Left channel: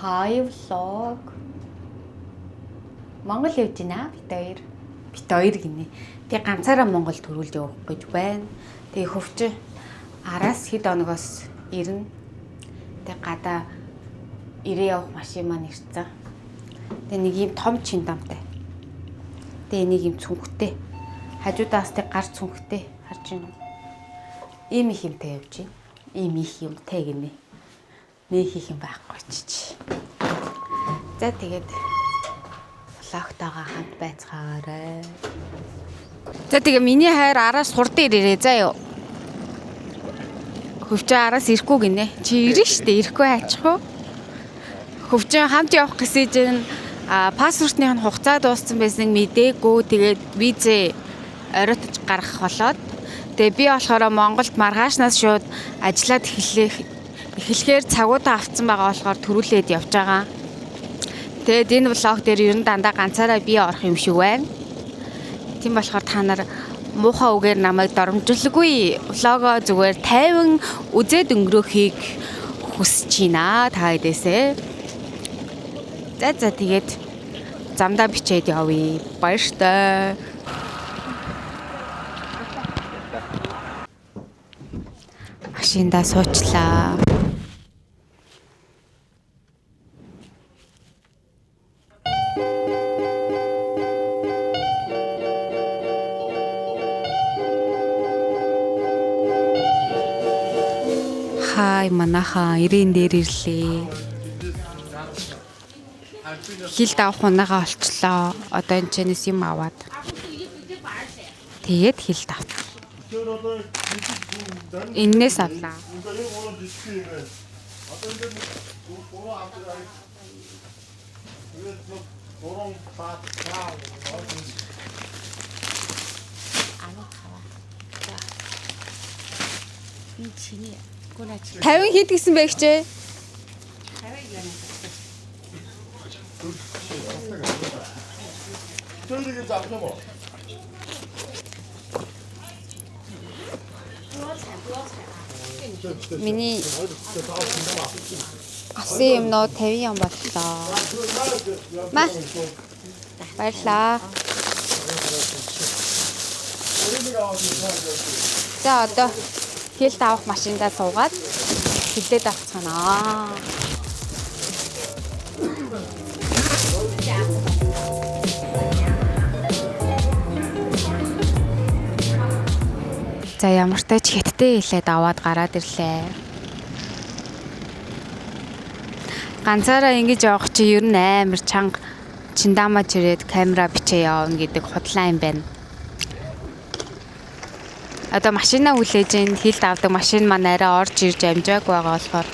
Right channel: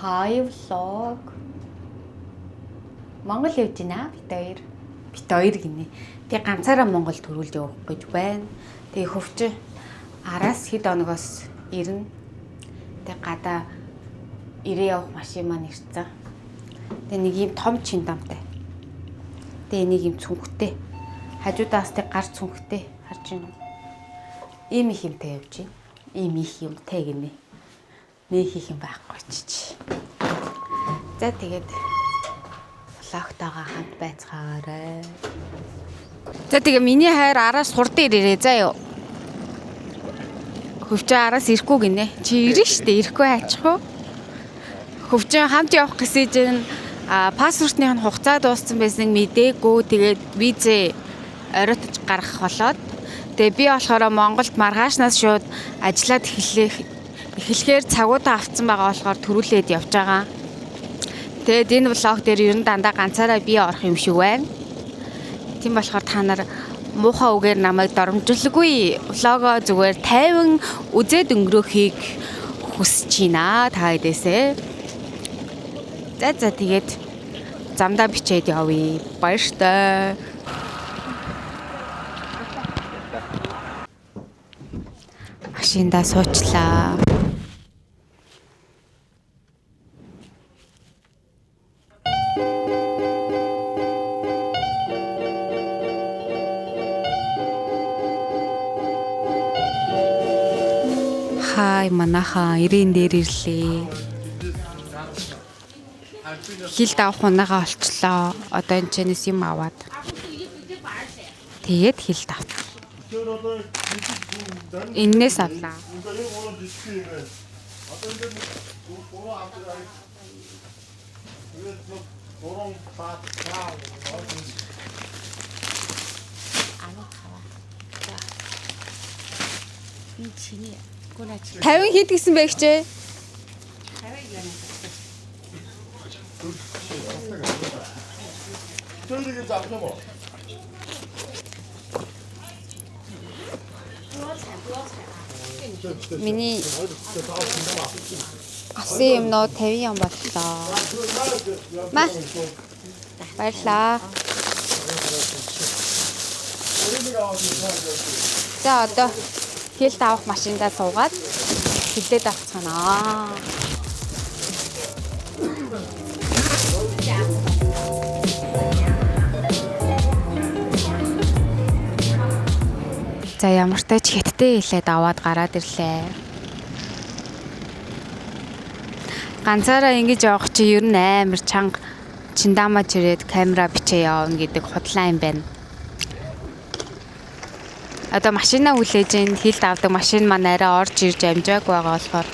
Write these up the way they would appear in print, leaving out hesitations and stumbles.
Hi vlog. Монгол явж байна бид хоёр гинэ. Тэгээ ганцаараа Монгол төрүүлж явах гэж байна. Тэгээ хөвч араас хэд оногоос ирнэ. Тэгээ гадаа ирээ явах машин маань ирсэн. Тэгээ нэг юм том чиндамтай. Тэгээ нэг юм цүнхтэй. Хажуудаас тэг гар цүнхтэй харж байна уу? Ийм их юмтай явж байна. Ийм их юмтай гинэ. Нэг их юм байхгүй ч. За тэгээд влогтойгоо хамт байцгаарай. За тэгээ миний хайр араас хурд ирээрээ заа юу. Хөвчөө араас ирэхгүй гинэ. Чи ирнэ штэ ирэхгүй аачихгүй. Хөвчөө хамт явах гэсэн чинь паспортны хугацаа дууссан байсан мдээгүй. Тэгээд визээ оройтож гаргах болоод тэгээ би болохоор Монголд маргаашнаас шууд ажиллаад эхлэхээр цагуудаа авцсан байгаа болохоор төрүүлээд явж байгаа. Тэгээд энэ влог дээр ер нь дандаа ганцаараа би орох юм шиг байна. Тийм болохоор та нар муухай үгээр намайг доромжлгүй влогоо зүгээр тайван үзээд өнгөрөхийг хүсэж байна та хэдээсээ. За тэгээд замдаа бичээд явъя. Баяртай. Машиндаа суучлаа. Хай манайхаа ирээн дээр ирлээ. Хил давах унаага олчлоо. Одоо энэ чэнэс юм аваад. Тэгээд хил давт. Иннээс авлаа. Тавин хэд гэсэн бэ хчээ? Миний авсан юмнууд 50 ям боллоо. Маа. Баярлаа. За одоо хилд авах машиндаа суугаад хилдээд авцгаанаа. За ямар ч тач хятадтэй хэлээд аваад гараад ирлээ. Ганцаараа ингэж явах чи ер нь амар чанга чиндамаж ирээд камера бичээ явна гэдэг худлаа юм байна. Одоо машинаа хүлээж ин хилд авдаг машин маань арай орж ирж амжааг байгаа болохоор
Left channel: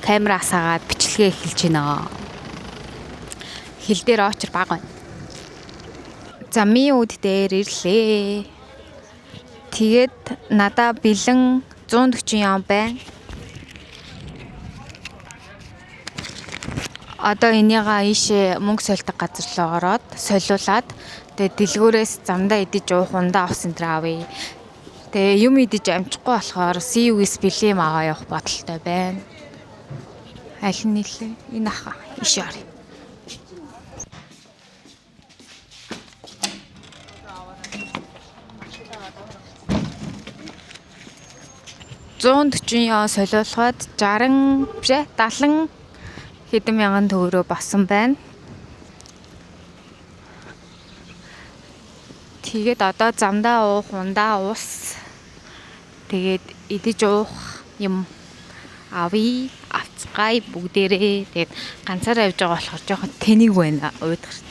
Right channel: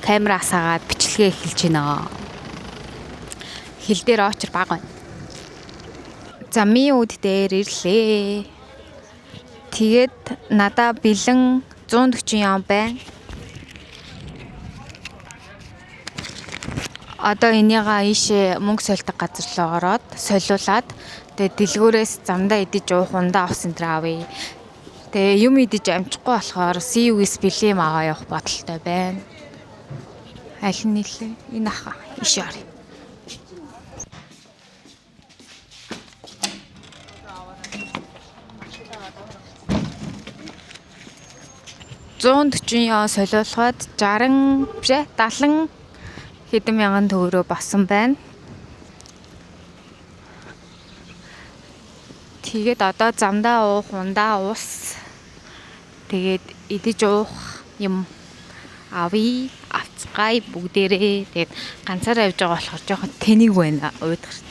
камера асаагаад бичлэгээ эхэлж байна. Хил дээр очор баг байна. За ми үд дээр ирлээ. Тэгээд надаа бэлэн 140 ям байна. Одоо энийгээ ийшээ мөнгө сольдог газар руу ороод солиулаад тэгээд дэлгүүрээс замдаа идэж уух ундаа авсан тэр авъя. Тэгээ юм идэж амжихгүй болохоор CUS бэлэм аваа явах бодолтой байна. Аль нь нэлээ? Энэ аха ийшээ орё. $140 солиулахад 60 биш 70 хэдэн мянган төгрөгөө болсон байна. Тэгээд одоо замдаа уух ундаа ус тэгээд идэж уух юм авъя авцгаая бүгдээрээ. Тэгээд ганцаараа явж байгаа болохоор жоохон тэнэг байна уйдгартай.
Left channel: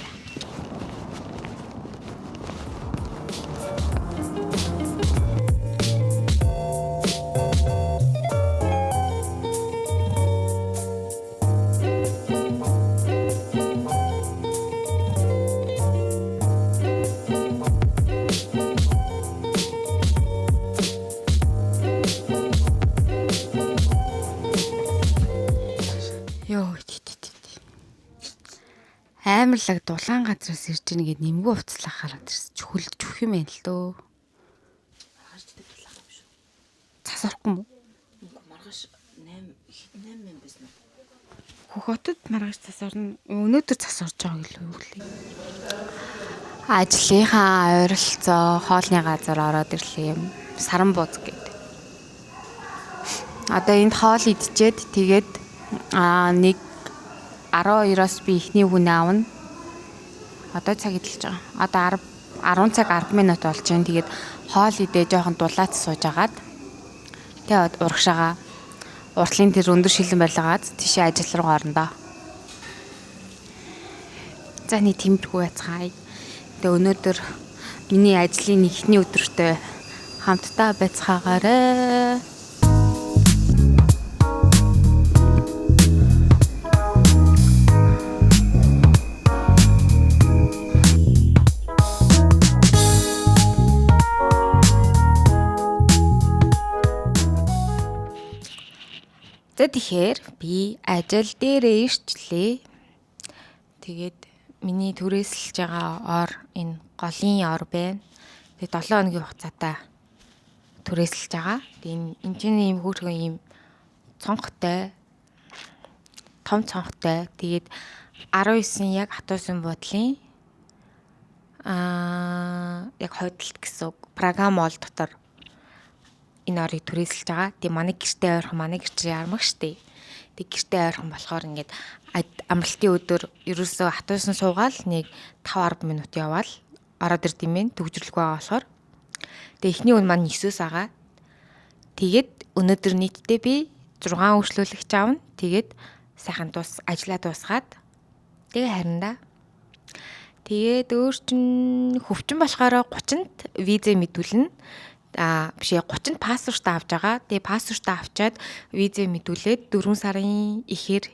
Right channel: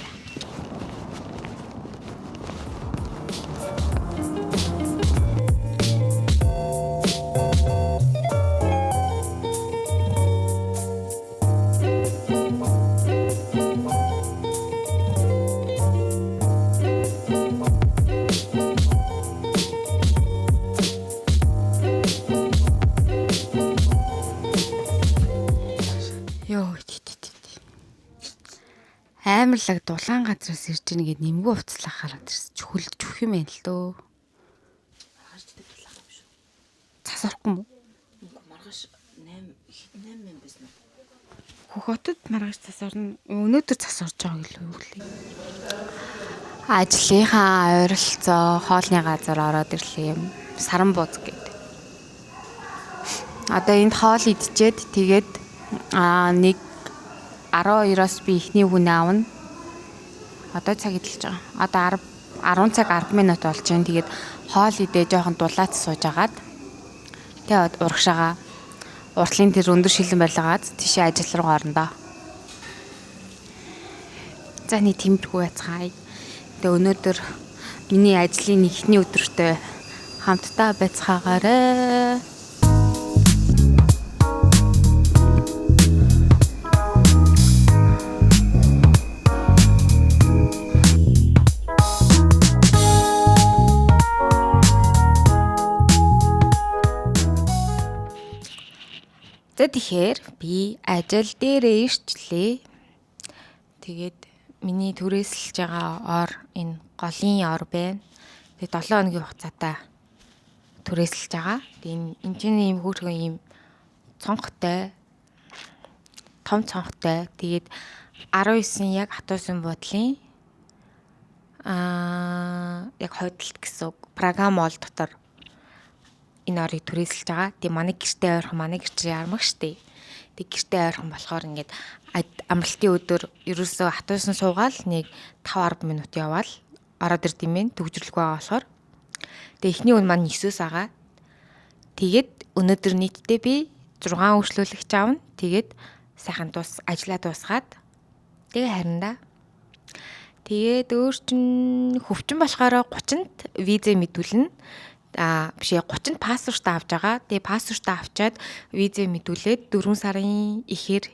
Амарлаг дулаан газраас ирж ийн гэд нэмгүй уцлах хараад ирсэн. Чөхөлж чөх юм байна л дөө. Маргааш гэдэг дулаан юм шүү. Цас орохгүй мó? Маргааш 8 байсан уу? Хотод маргааш засварна. Өнөөдөр засварж байгаа гэлээ юу гэлээ. Ажлынхаа ойролцоо хоолны газар ороод ирлээ юм. Саран бууз гэдэг. Одоо энд хоол идчихэд тэгээд нэг 12-оос би ихний хүн аавна. Одоо цаг идэлж байгаа. Одоо 10 цаг 10 минут болж байна. Тэгээд хоол идээ жоохон дулаац сууж агаад тэгээд урагшаага уртлын тэр өндөр шилэн барилгаад тийшээ ажил руу орно. За нэг тэмдгүү яцгаая. Тэгээ өнөөдөр миний ажлын эхний өдөртөө хамтдаа байцгаагаарай. За тэгэхээр би ажил дээрээ ирчлээ. Тэгээд миний түрээсэлж байгаа ор энэ голын ор байна. Тэгээд 7 хоногийн хугацаатай түрээсэлж байгаа. Тэгээд энэ чинь ийм хөөрхөн ийм цонхтой, том цонхтой. Тэгээд 19 яг хатуусын буудлын яг хойдолт гэсэн програм мол дотор энэ орыг түрээсэлж байгаа. Тэгээ манай гэртээ ойрхон манай гэрчээ ярмаг штэ. Тэг гэртээ ойрхон болохоор ингээд амралтын өдөр ерөөсөө хатуусан суугаал нэг 5-10 минут яваал ороод ирд юм бэ. Төгжрлөг байгаа болохоор. Тэгээ эхний өн маань 9-өөс агаа. Тэгээд өнөөдөр нийтдээ би 6 үйлчлүүлэгч аавна. Тэгээд сайхан ажлаа дуусгаад тэгээ харин тэгээд өөр чин хөвчин болохоор 30-нд визээ мэдүүлнэ. Бишээ 30-нд паспорт авч байгаа. Тэгээ паспорт авчаад визээ мэдүүлээд 4 сарын ихээр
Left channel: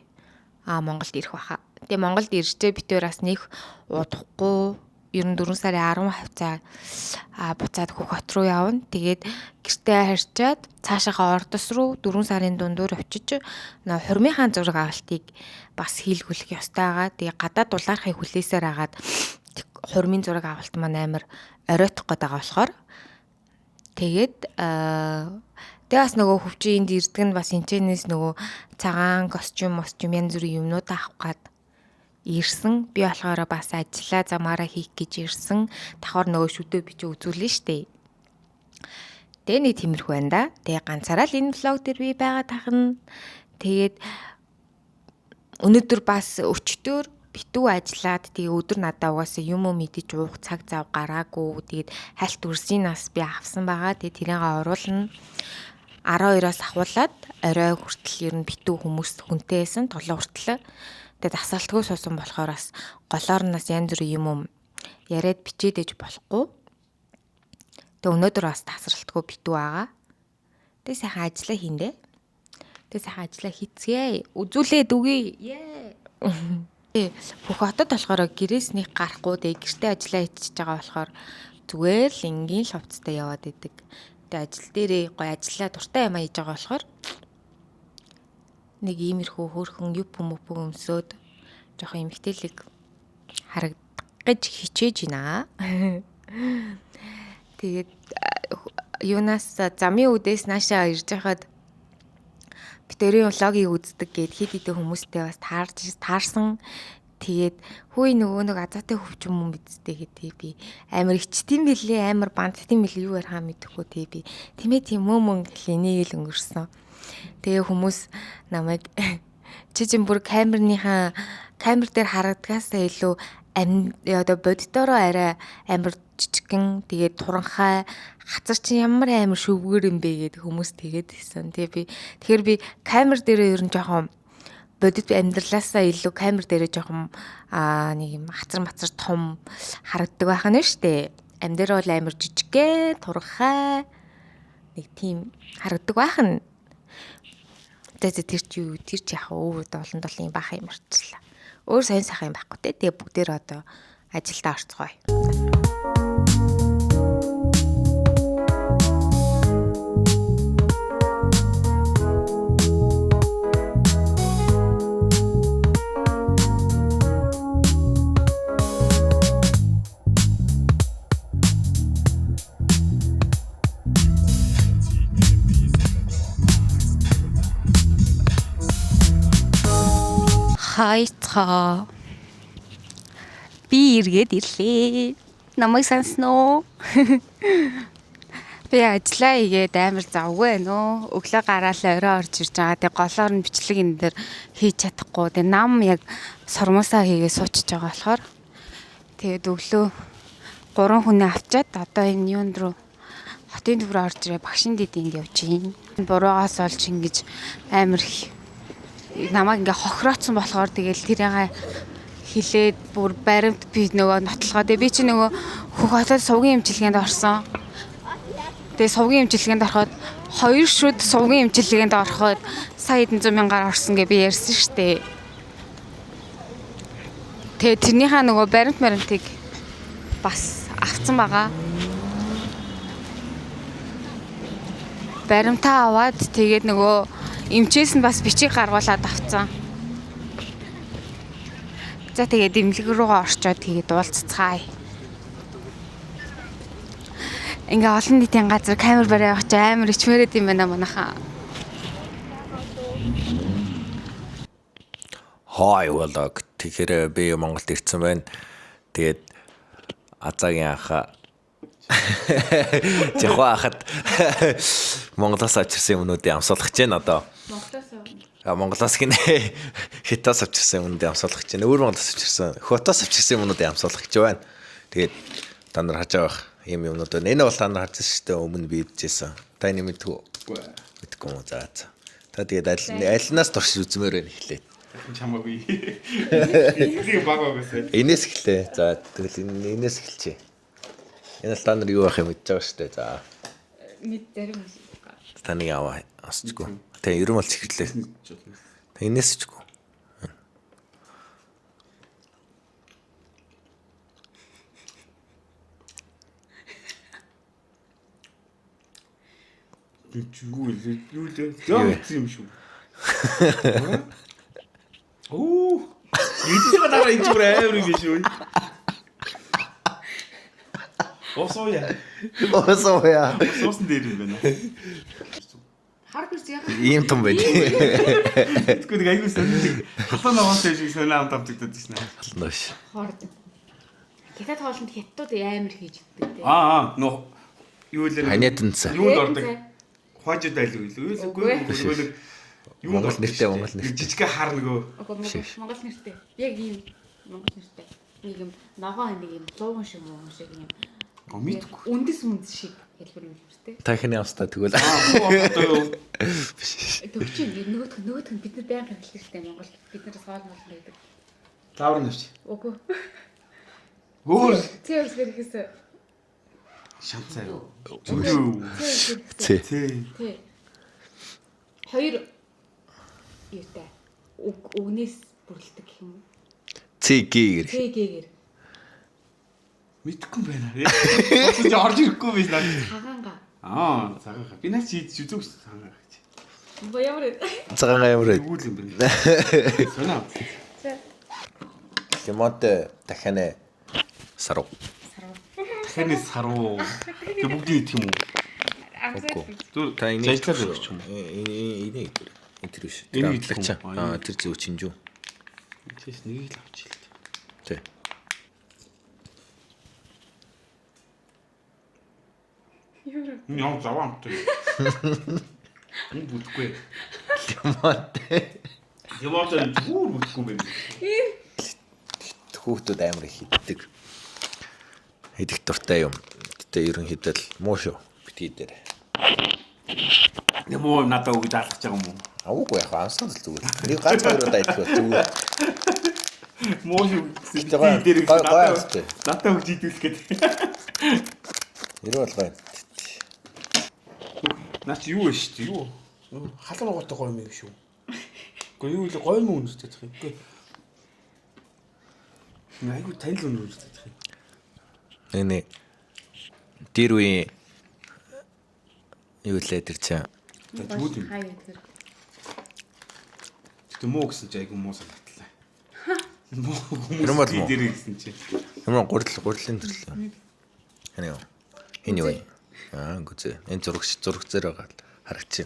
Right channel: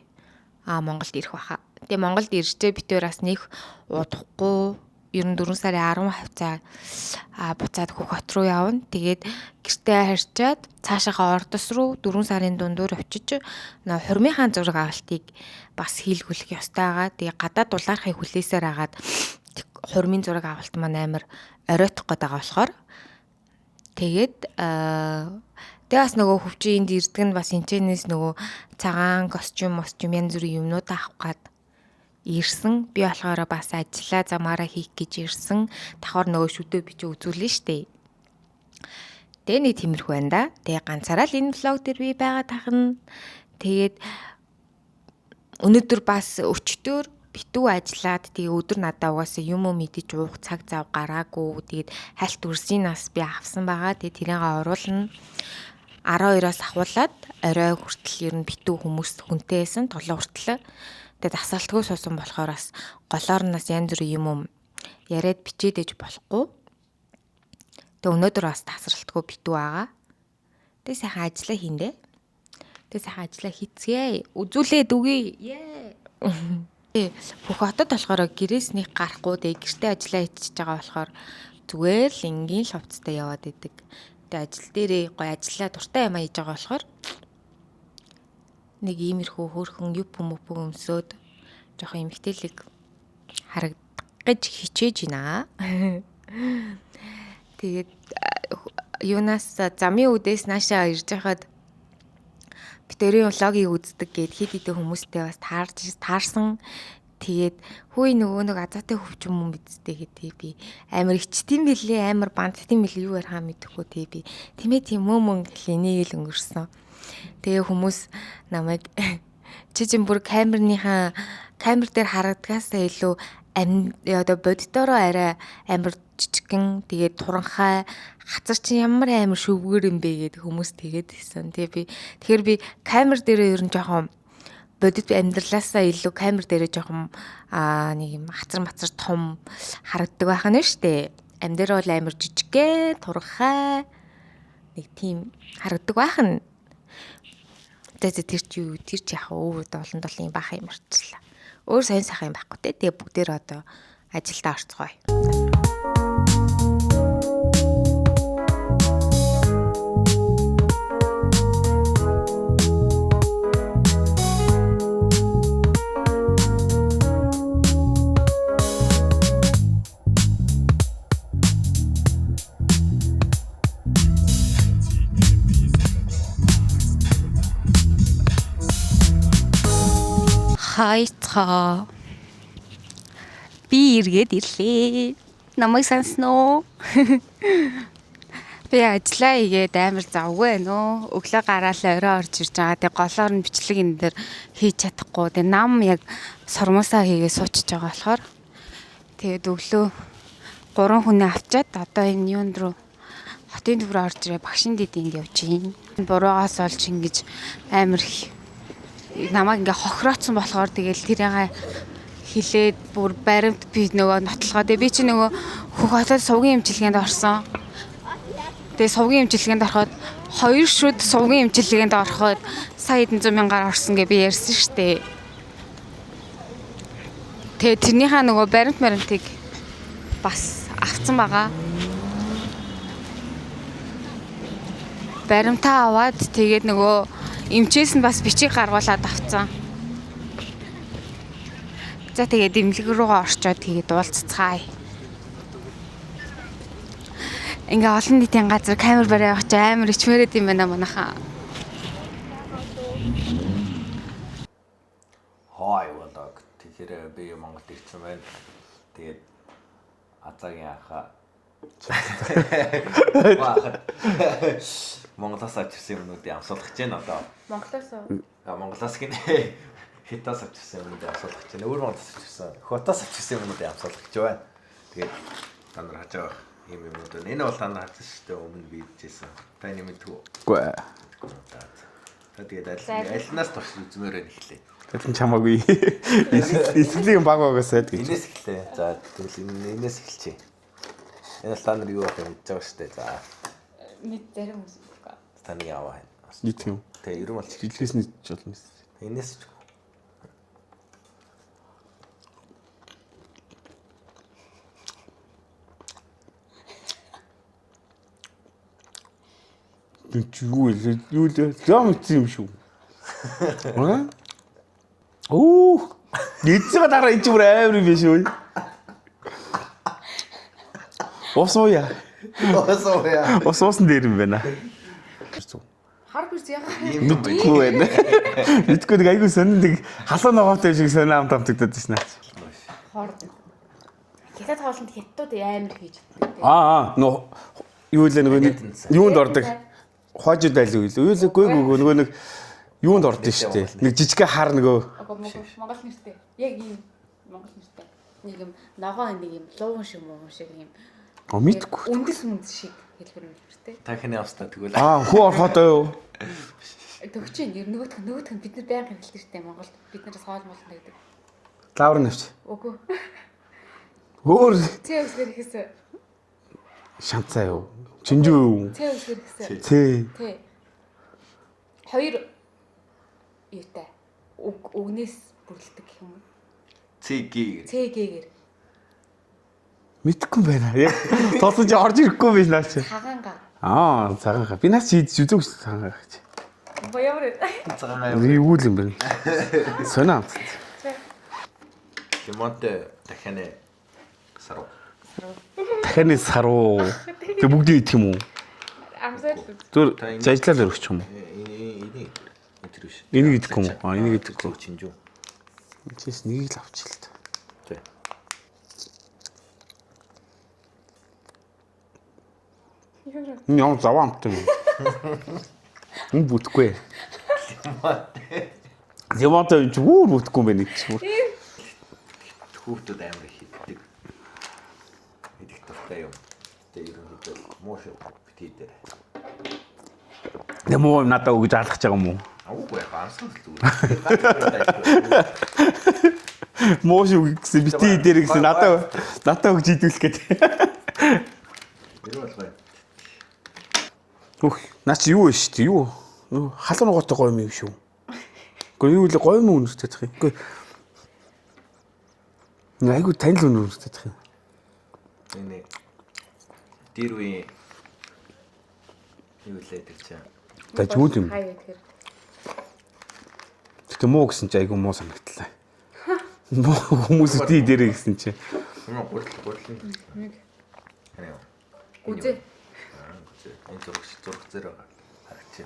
Монголд ирэх баха. Тэгээ Монголд иржээ битээр бас нэг удахгүй ер нь 4 сарын 10 хавцаа буцаад Хөх-хот руу явна. Тэгээд гэртээ харьчаад цаашаахаа Ордос руу 4 сарын дундуур очиж хурмынхаа зураг авалтыг бас хийлгүүлэх ёстой байгаа. Тэгээ гадаад дулаархыг хүлээсээр агаад хурмын зураг авалт маань амар оройтох гээд байгаа болохоор тэгээд бас нөгөө хөвчийн энд ирдэг нь бас энэчнээс нөгөө цагаан костюм янз бүрийн юмнууд авах гээд ирсэн. Би болохоор бас ажиллаа замаараа хийх гэж ирсэн. Давхар нөгөө шүдөө бичиж үзүүлнэ штэ. Тэгээ нэг тиймэрхүү байна да. Тэгээ ганцаараа л энэ влог дээр би байгаа тахна. Тэгээд өнөөдөр бас өчтөр битүү ажиллаад тэгээ өдөр надаа угаасаа юм мэдэж уух цаг зав гараагүй. Тэгээд хальт үрсийн нас би авсан байгаа. Тэгээ тэрийгээ оруулна. 12-оос ахуулаад орой хүртэл ер нь битүү хүмүүс хүнтэй байсан 7 хүртэл. Тэгээд асаалтгүй суусан болохоор бас голоор нас янз бүрийн юм яриад бичээд ээж болохгүй. Тэгээд өнөөдөр бас тасралтгүй битүү байгаа. Тэгээд сайхан ажиллаа хийндэ. Тэгээд сайхан ажиллаа хийцгээе. Үзүүлээд үгүй. Хөх-хотод болохоор гэрээсний гарахгүй дээ гэртээ ажиллаа хийчихэж байгаа болохоор зүгээр л энгийн л хувцастай яваад идэг. Тэгээ ажил дээрээ гоё ажиллаа дуртай юм хийж байгаа болохоор нэг иймэрхүү хөөрхөн юп өмсөөд жоох эмхтэлэг харагдах гэж хичээж байна. Тэгээд юунаас замын үдээс наашаа ирж байхад битэрийн влогийг үздэг гэд хэд хэдэн хүмүүстэй бас таарсан. Тэгээд хөөе нөгөө нэг азаатай хөвчм юм бидтэй гэдэг би амар ичтэн билээ амар бандтын билээ юу ярихаа мэдэхгүй тий би тийм мөн гэл энийг л өнгөрсөн. Тэгээ хүмүүс намайг чижин бүр камер дээр харагдгаасаа илүү одоо бодитороо арай амар жижигхэн тэгээд туранхай хацар чинь ямар амар шөвгөр юм бэ гэдэг хүмүүс тэгээд хэлсэн. Тэгэхээр би камер дээр ер нь жоохон бодит амьдралаасаа илүү камер дээр жоохон нэг юм хацар том харагддаг байх нь штэ. Амдэр бол амар жижигхэн туранхай нэг тийм харагддаг байх нь. Тэр чи яхаа өөр олон юм баах юм арчлаа. Өөр сайн сайхан юм байхгүй те. Тэгээ бүгдээр одоо ажилдаа орцгоё. хайцгаа. Би иргэд ирлээ. Намайг сансноо. Би ажиллаа игээд амар завгүй байна өө. Өглөө гараал орой орж ирж байгаа. Тэг голоор нь бичлэг энэ дээр хийж чадахгүй. Тэг нам яг сормосоо хийгээ суучж байгаа болохоор тэгээд өглөө 3 хүнээ авчаад одоо энэ юунд руу хотын төв рүү орж ирээ багшин дэдинд явж гин. Буруугаас олж ингэж амар намайг ингээ хохирооцсон болохоор тэгэл тэрийг хилээд бүр баримт би нөгөө нотлохоо. Тэгээ би чи нөгөө хөх хотод сувгийн эмчилгээнд орсон. Тэгээ сувгийн эмчилгээнд ороход 2 шүд сувгийн эмчилгээнд ороход сая 100,000-аар орсон гэ би ярьсан штэ. Тэгээ тэрнийхээ нөгөө баримтыг бас авцсан байгаа. Баримтаа аваад тэгээд нөгөө эмчээс нь бас бичиг гаргуулад авцсан. За тэгээд эмнэлэг рүүгээ орчоод тэгээд уулзцгаая. Ингээ олон нийтийн газар камер барай явах чи амар ичмэрэд юм байна манайхаа. Хай валаг тэгэхээр би Монголд ирсэн байна. Тэгээд Азагийн анхаа Жохохот Монголоос авчирсан юмнуудыг амсуулах гэж байна одоо. Монголоос гинэ хятаас авчирсан юмнуудыг амсуулах гэж байна. Өөр Монголоос авчирсан, хотоос авчирсан юмнуудыг амсуулах гэж байна. Тэгээд та нар хаж байгаа юм юмнууд байна. Энэ бол та нар харсан шүү дээ өмнө би идчихсэн. Та энэ мэдгүй. Мэдгүй юм заа. Та тэгээд альнаас турш үзмээр байна эхлээд. Тэгвэл чамаагүй. Эцгийн баг багасаад. Энээс эхлэе. За тэгэл энээс эхэлчихье. Энэ та нар юу байх юм мэдж байгаа шүү дээ. За. Мэд зарим үгүй. Таны аваа асчгүй. Тэ ерөн бол чихлээ. Энээс ч үгүй. Юу л зам юм шүү. Оо. Эцэг дараа энэ ч амар юм биш үү? Осоя. Осоосон дээр юм байна. Хар бирз яах вэ? Ийм том байдгүй байна. Эдгээр нэг айгуу сонирхдаг халуун ногоотой шиг сонир амт амтагдаад байна. Нөөш. Хорд. Тэгэхэд хоолнд хятадууд амар хийж өгдөг. Нөө юу л нэг юунд ордог? Хожид байлгүй л. Үгүй нөгөө нэг юунд ордог шүү дээ. Нэг жижиг хар нөгөө Монгол нэртэй. Яг ийм Монгол нэртэй. Нэг юм ногоо нэг юм лууган шиг юм шиг юм. Мэдгүй. Үндэс шиг хэлбэр юм нэртэй. Та хинэ австаа тэгвэл хуу хото юу? Төвчин нөгөөх нь бид нар байнга хэлдэг шүү дээ Монгол. Бид нараас хоол мол байдаг. Лавр навч. Үгүй. Хөөр Цэвэр хийсэн. шанцаа юу? Чинжүү юу? Тий. Хоёр юутай. Үгнээс бүрэлдэг гэх юм уу? Цэгээр. Цэгээр. Мэдхгүй байна. Яг тоосож орж ирэхгүй биш наач. Цагаанга. Цагаанга. Би наач хийж үзүүг цагаанга гэж. Боёмор. Цагаан юм. Юу юм бэ? Сонаа. Лимонтэй дахианы саруу. Дахианы саруу. Тэг бүгдийг идэх юм уу? Түр жажлаар өгч юм уу? Энийг энэ биш. Энийг идэх юм уу? Энийг идэх зөв чинжүү. Тэс нэгийг л авчих л та. Тий. Яа завамт. Бүтгэхгүй. Лимонтой зүгээр бүтгэхгүй юм байна гэж. Хүүхдүүд амар их иддэг. Идэх дуртай юм. Гэтэ ерөнхийдөө л муу шүү. Битгий дээр. Нэмоо надад өгж алгах гэж байгаа юм уу? Уугүй яхаа ансаа л зүгээр. Ганц хоёроо дайх зүгээр. Муу шүү гэсэн битгий дээр гэсэн надад өгж идүүлэх гэдэг. Нэр болгоо. Наач юу вэ шүү дээ? Юу? Халуун ногоотой гоё юм шүү. Гэхдээ юу л гоё юм үнэтэй тах юм. Гэхдээ айгу танил үнэтэй тах юм. Эний тэр үе юу лээ тэр чинь. Дажгүй юм. Тэгтээ муу гэсэн чи айгу муу санагдлаа. Муу хүмүүс дээр гэсэн чи. Ямар гурлын төрлөө. Энэ юу? Гүзээ. Энэ зураг зэр байгаа харагч.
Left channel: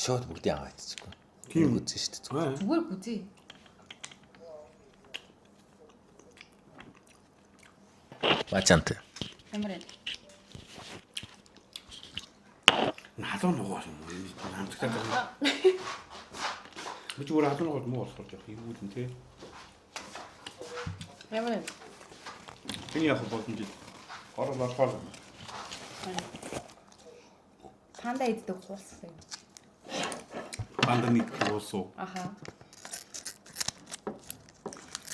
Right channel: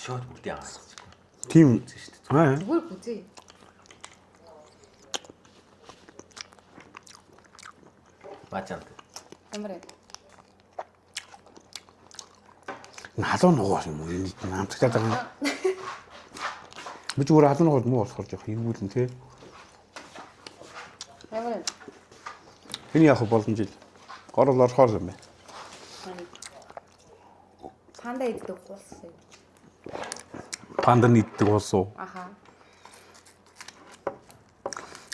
шууд бүгдийг аваадчихгүй. Тийм үзэн шүү дээ. Зүгээр бүзээ. Мачант. Ямар юм? Халуун нугаас юм уу? Амтгтаад байгаа. Би зүгээр халуун нугаас муу болохоор жоох ийгүүлэн тий. Ямар юм? Энэ яг боломж. Горол орохоор юм байна. Панда иддэг болсон. Панда нийтдэг болсон. Аха.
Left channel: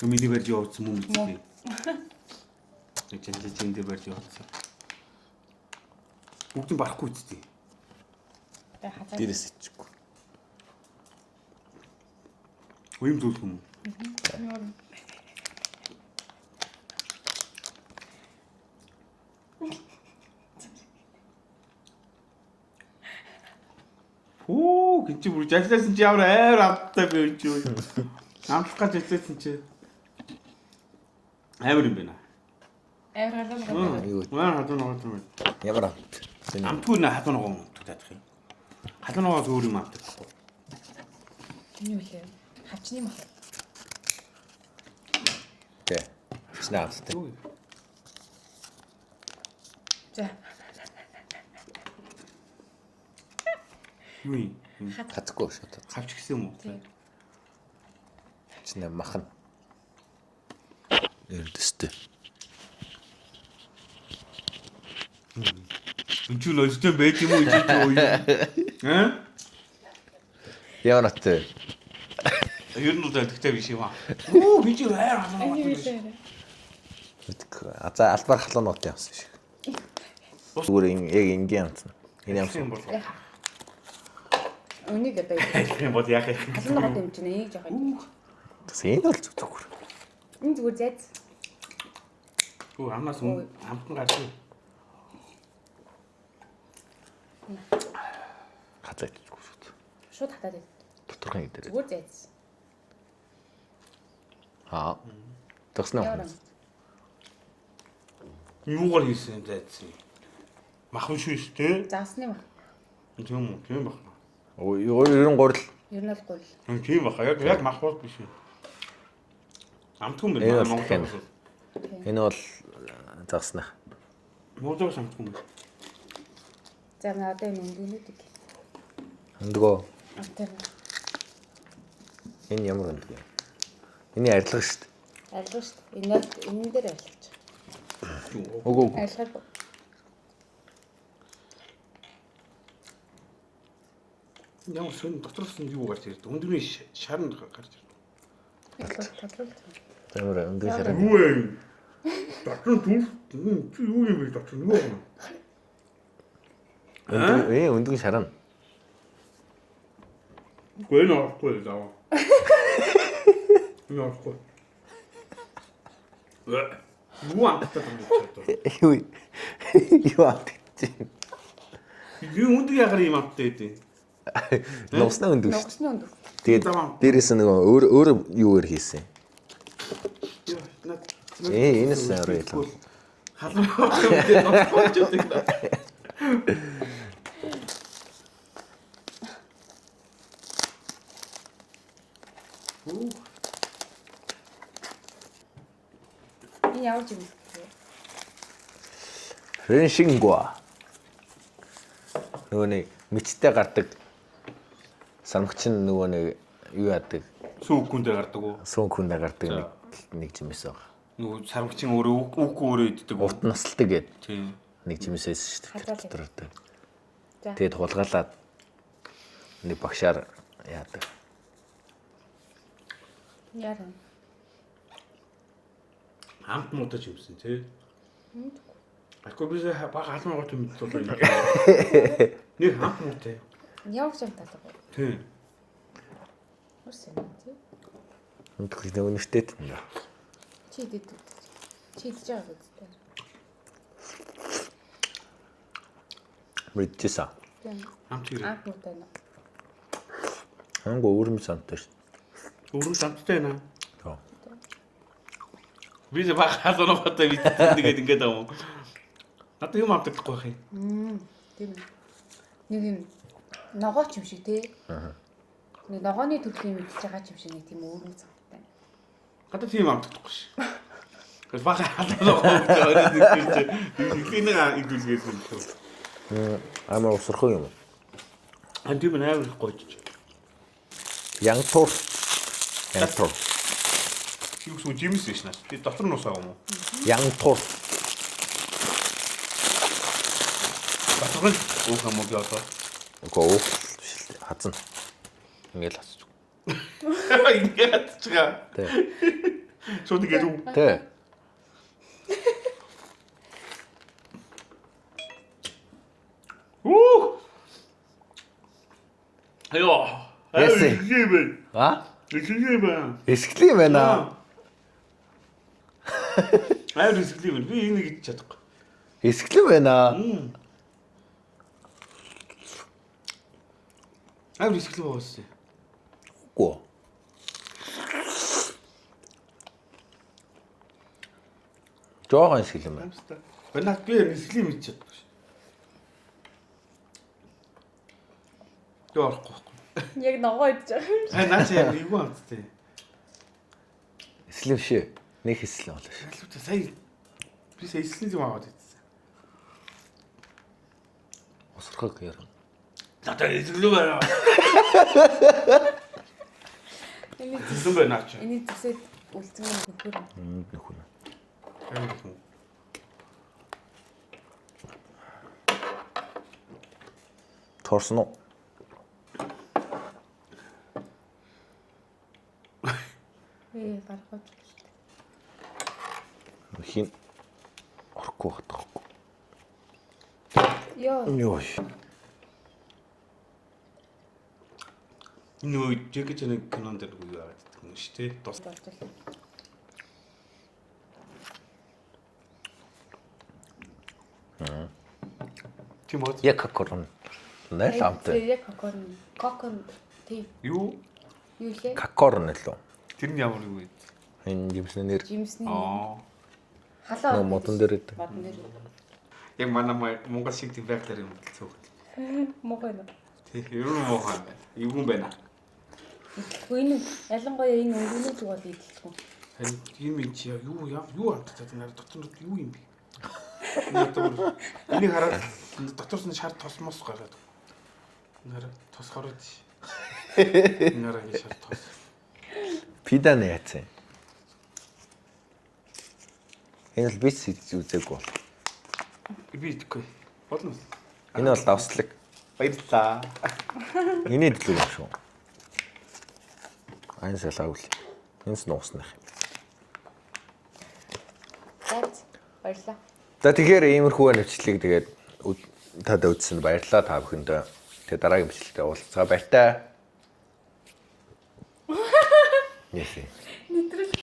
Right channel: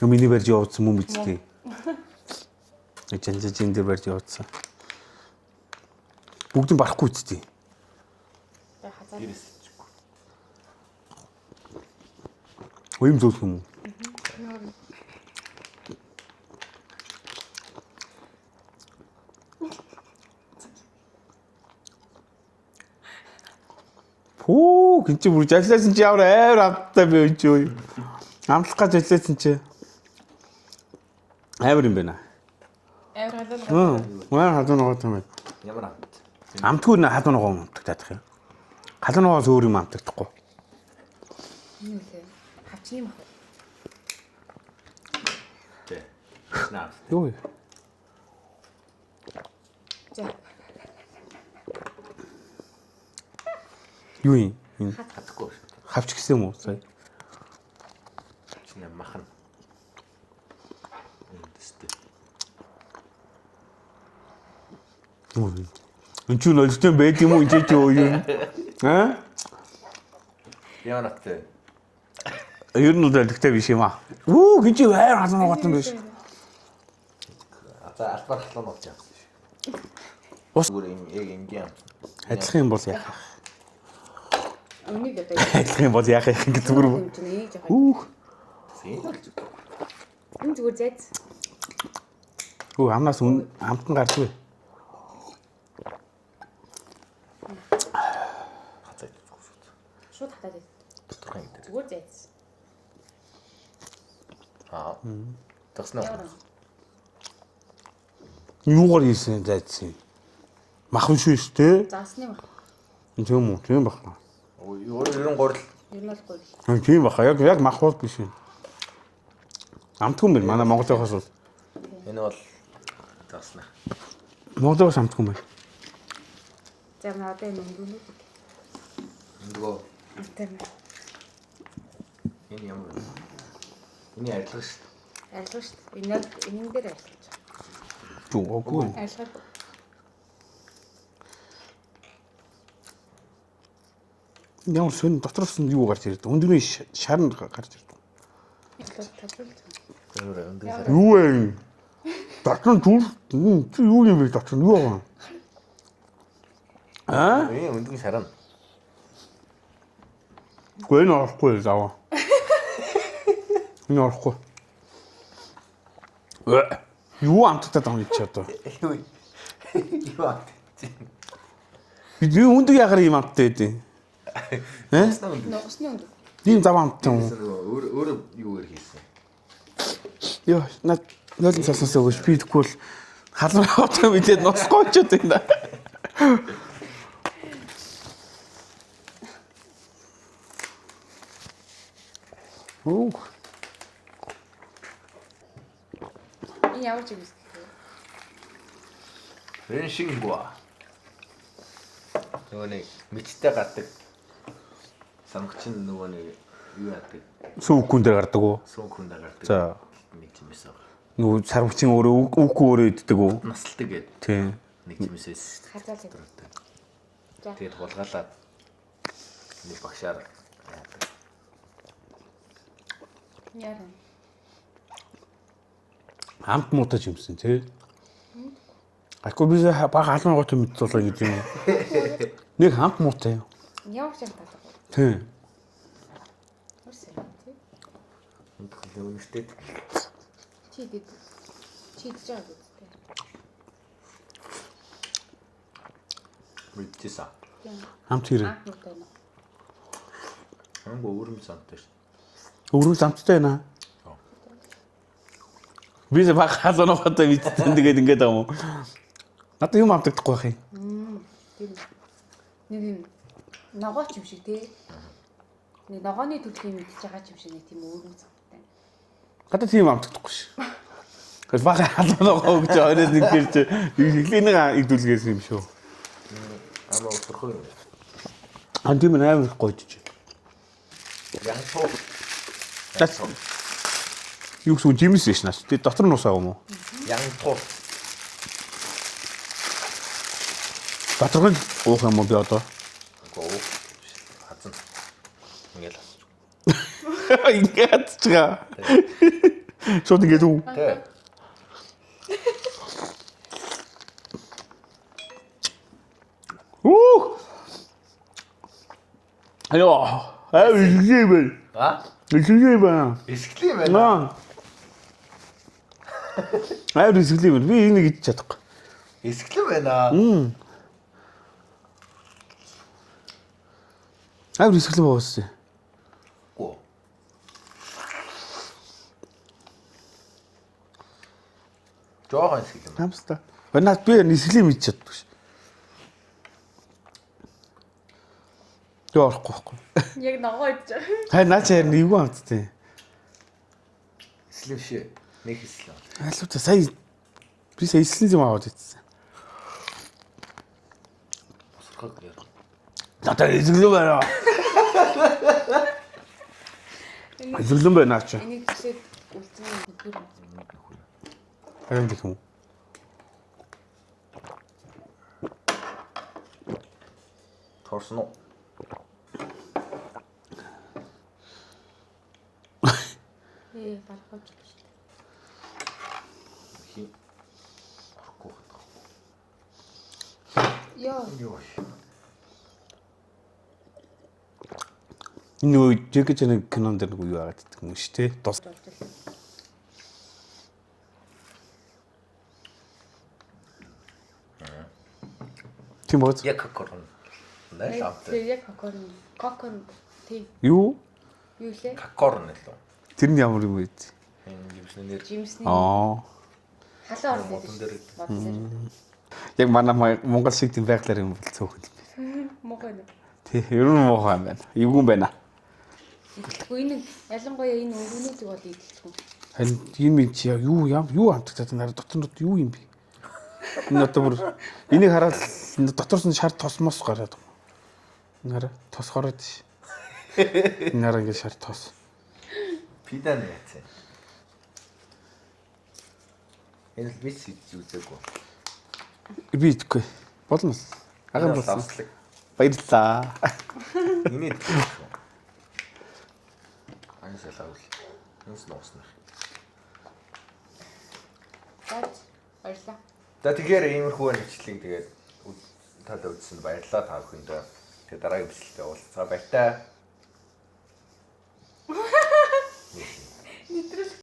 Миний барьж явуулсан юм үстэй. Эцэн дээр барьж явуулсан. Бүгд нь барахгүй үстэй. Дээрээс ичгүй. Уйм зөөлх юм уу? Хөө гинч бүр ажилласан чи ямар амар амттай байв чи юу? Амтлах гэж ажилласан чи амар юм байна. Амар халуун. Маа хадуу ногоо юм. Ямар амт. Амтгүй нэ хадуу ногоо амтдаг юм. Халуун ногоос өөр юм амтдаггүй. Юу вэ? Хавчны мах. Тэ. Снаас. Юу? Юу юм? Хатахгүй шууд. Хавч гисэн юм уу? Сая. Чиний махан. Эрдэстэй. Энд ч нөлтөө байд юм уу энэ ч юу юм? Аа? Яа натэ. Ер нь үлдэлтэй биш юм аа. Оо би чи хайр халуун ногоотой биш. За албаар халуунууд явсан шиг. Ус бүрийн яг ингийн амт. Ажиллах юм бол яах? Үнийг одоо Ажиллах юм бол яах юм гэдэг зүгээр. юм чинь нэг жоо. Үх. Тэсээ л зүгээр. Энэ зүгээр зайц. Оо амнаас амтан гарчгүй. Хацаа зүгээр. Шууд хатаад байд. Доторхон гэдэг. Зүгээр зайц. Аа. Тэснэ. Юугаар хийсэн зайцсан? Махан шүү дээ. Заасны мах. Тийм үү? Тийм баха. Ой 93 Ер нь бол гол. Тийм баха. Яг махбол биш юм. Амтгүй мэр манай Монголоос бол. энэ бол загсна. Монголоос амтгүй мэр. За надад энэ өндгөнүүдийг. Өндгөө. Тэр Энэ ямар вэ? Энэ арилга шүү дээ. арилга шүү дээ. Энэ дээр арилгаж. Үгүй. Арилгах. Ямар сон дотроос нь юу гарч ирдэг? Өндөрний шар нь гарч ирдэг. Тодруулж. Ямар өндгөө шараа. Юу вэ? Дотрон түр юу юм бэ дотрон юу вэ? Өндгөө шараа. Гүн орохгүй зав. Энэ орохгүй. Юу амттаад байгаа юм чи одоо? Юу. Юу амт. Би өндөг ягаар юм амттай байдیں۔ Ногсны өндгөө. Ногсны өндөг. Тийм зав амт. Дээрээс нөгөө өөр юуэр хийсэн. Йоо, над засасаа би тэгвэл халуун аваад мэдээ носгооч гэдэг нэ. Оо. Энэ ямар жим бэ? Рэншингва. Нөгөө нэг мэдтэй гардаг санагч нь нөгөө нэг юу яадаг? Сүүкүн дээр гардаг уу? Сүүн дээр гардаг нэг жимээс байгаа. Нөгөө сарвчин өөрөө үгүй өөрөө иддэг үү? Насалдаг гэдэг. Тийм. Нэг жимээс шүү Хазаалаа. дээ. Тэгээд хулгаалаад нэг багшаар яадаг. Яаран. Амт муудаж юмсан тий. Агүй би баг халуун гот мэдчихлоо гэж юм. Нэг хамт муутай. Ямар ч юм татах. Тий. Үсэн тий. Өндгөө нэг үнэтэй. Чи идэж байгаа гэдэг. Мэдчихсэн. Хамт хэрэг. Анх нүтэй нэ. Хангу өөрөм сантай шүү. Өөрөө амттай байна. Би баг халуун готой мэдчихсэн тэгээд ингэж байгаа юм. Надад юм амтдаггүй байх юм. Тийм. Нэг юм Ногооч юм шиг тий. Нэг ногооны төлөв мэдчихэж байгаа юм шиг нэг тийм өөрөг санагдав. Гадаа тийм амтдаггүй ш. Гэвч бага халуунаа гэж ороод нэг тийм чи нэг идүүлгээс юм шүү. Амар усрах юм. Антим амар гойч. Янтур. Янтур. Юу гэсэн жимс биш наас. Тэ дотор нь усаа юм уу? Янтур. Батрын уух юм уу би одоо? Гоо. Хазан. Ингээл асууж. Ингээд чига. Шот ингээд үү? Тэ. Уу! Айо. Эсгэлээ. А? Эсгэлээ байна. Эсгэлээ байна. Эсгэлээ. Би энийг идэж чадахгүй. Эсгэлээ байна. Эсгэлээ боосоо. Гоо. Жохон эсгэлээ юм. Хамста. Наад би эсгэлээ мэдэж чаддаг ш. Яахгүй байхгүй. Яг ногоо идэж байгаа. Хай наа чи эвгүй амттай. Эслэв шээ. Нэг эслэв бол. Алуута сая би сая эслэн юм аваад идсэн. Усрахыг яа. Надад эсгэлээ байна. Эсгэлэн байна чи. Энийг зүсээд үлдсэн юм нөхөр. Нөхөр. Харин гэх юм. Торсон уу? Барахаж. Хин орохгүй хатахгүй. Йоо. Энэ үед Джеки Чаны кинонд нэг юу яагаад гэдэг юм шүү те. Дос. Тийм бод. Яг кокорн. Нэ тамтай. Яг кокон тий. Юу? Юу лээ? Кокорн л үү? Тэр нь ямар юм бэ? Энэ жимсний нэр. Жимсний. Халаа Халаа. модон дээр. Яг манай Монгол шиг тийм байглаар юм бол цөөхөн. Мохоо нэ. Тий, ер нь муу юм байна. Эвгүй байна. Идэхгүй энэ ялангуяа энэ өнгөнүүд бол идэхгүй. Харин юм чи юу амттай нараа дотор нь юу юм бэ? Энэ одоо бүр энийг хараад доторс нь шар тосмос гараад. Нараа тос гараад. Нараа ингэ шар тос. Пидан яац. Энэ л бис үзээгүй. Би идэхгүй. Болно. Энэ бол авслаг. Баярлалаа. Энийг идэхгүй шүү. Айн салаавал. Энэс нууснах. Баярлалаа. За тэгэхээр иймэрхүү нэвчлэг тэгээд тад үзсэн баярлалаа та бүхэндээ. Тэгээд дараагийн бичлэгтээ уулзцаа баяртай. Яа. Нэтрэ